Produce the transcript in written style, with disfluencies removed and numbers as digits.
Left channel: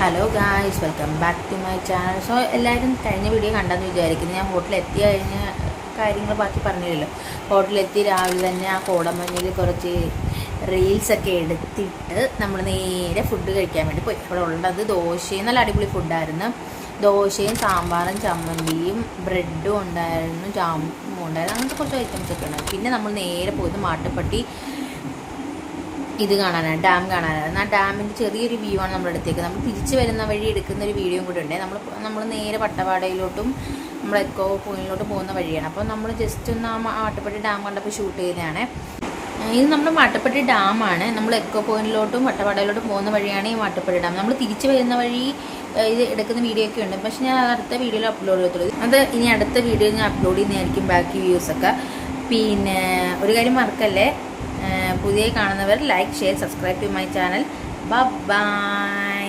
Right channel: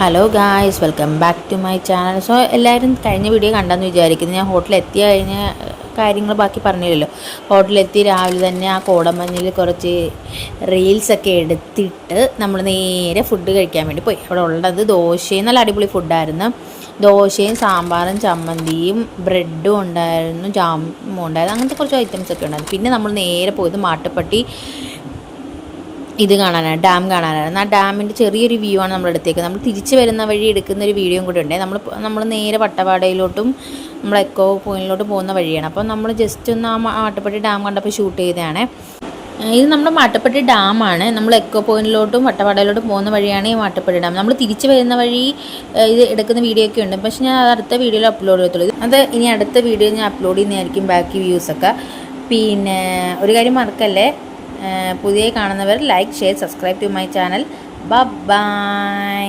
Hello guys, welcome back to my channel. So എല്ലാവരും കഴിഞ്ഞ video കണ്ടെന്ന് വിചാരിക്കുന്നു. ഞാൻ ഹോട്ടലെത്തിയ കഴിഞ്ഞ കാര്യങ്ങൾ ബാക്കി പറഞ്ഞില്ലല്ലോ. ഹോട്ടലെത്തി രാവിലെ തന്നെ ആ കോടമഞ്ഞിൽ കുറച്ച് റീൽസൊക്കെ എടുത്തിട്ട് നമ്മൾ നേരെ ഫുഡ് കഴിക്കാൻ വേണ്ടി പോയി. അവിടെ ഉള്ളത് ദോശയും നല്ല അടിപൊളി ഫുഡായിരുന്നു. ദോശയും സാമ്പാറും ചമ്മന്തിയും ബ്രെഡും ഉണ്ടായിരുന്നു, ജാമും ഉണ്ടായിരുന്നു, അങ്ങനത്തെ കുറച്ച് ഐറ്റംസൊക്കെ ഉണ്ടായിരുന്നു. പിന്നെ നമ്മൾ നേരെ പോയത് മാട്ടുപ്പെട്ടി ഇത് കാണാനാണ്, ഡാം കാണാനാണ്. ആ ഡാമിൻ്റെ ചെറിയൊരു വ്യൂ ആണ് നമ്മൾ എടുത്തേക്കുന്നത്. നമ്മൾ തിരിച്ച് വരുന്ന വഴി എടുക്കുന്ന ഒരു വീഡിയോയും കൂടി ഉണ്ട്. നമ്മൾ നേരെ വട്ടവടയിലോട്ടും നമ്മൾ എക്കോ പോയിന്റിലോട്ട് പോകുന്ന വഴിയാണ്. അപ്പോൾ നമ്മൾ ജസ്റ്റ് ഒന്ന് ആ മാട്ടുപ്പെട്ടി ഡാം കണ്ടപ്പോൾ ഷൂട്ട് ചെയ്തതാണ്. ഇത് നമ്മുടെ മാട്ടുപ്പെട്ടി ഡാമാണ്. നമ്മൾ എക്കോ പോയിന്റിലോട്ടും വട്ടവടയിലോട്ടും പോകുന്ന വഴിയാണ് ഈ മാട്ടുപ്പെട്ടി ഡാം. നമ്മൾ തിരിച്ച് വരുന്ന വഴി ഇത് എടുക്കുന്ന വീഡിയോ ഒക്കെ ഉണ്ട്, പക്ഷേ ഞാൻ അത് അടുത്ത വീഡിയോയിൽ അപ്ലോഡ് ചെയ്തിട്ടുള്ളൂ. അത് ഇനി അടുത്ത വീഡിയോയിൽ ഞാൻ അപ്ലോഡ് ചെയ്യുന്നതായിരിക്കും ബാക്കി വ്യൂസൊക്കെ. പിന്നെ ഒരു കാര്യം മറക്കല്ലേ, പുതിയ കാണുന്നവർ like, share, subscribe to my channel. By.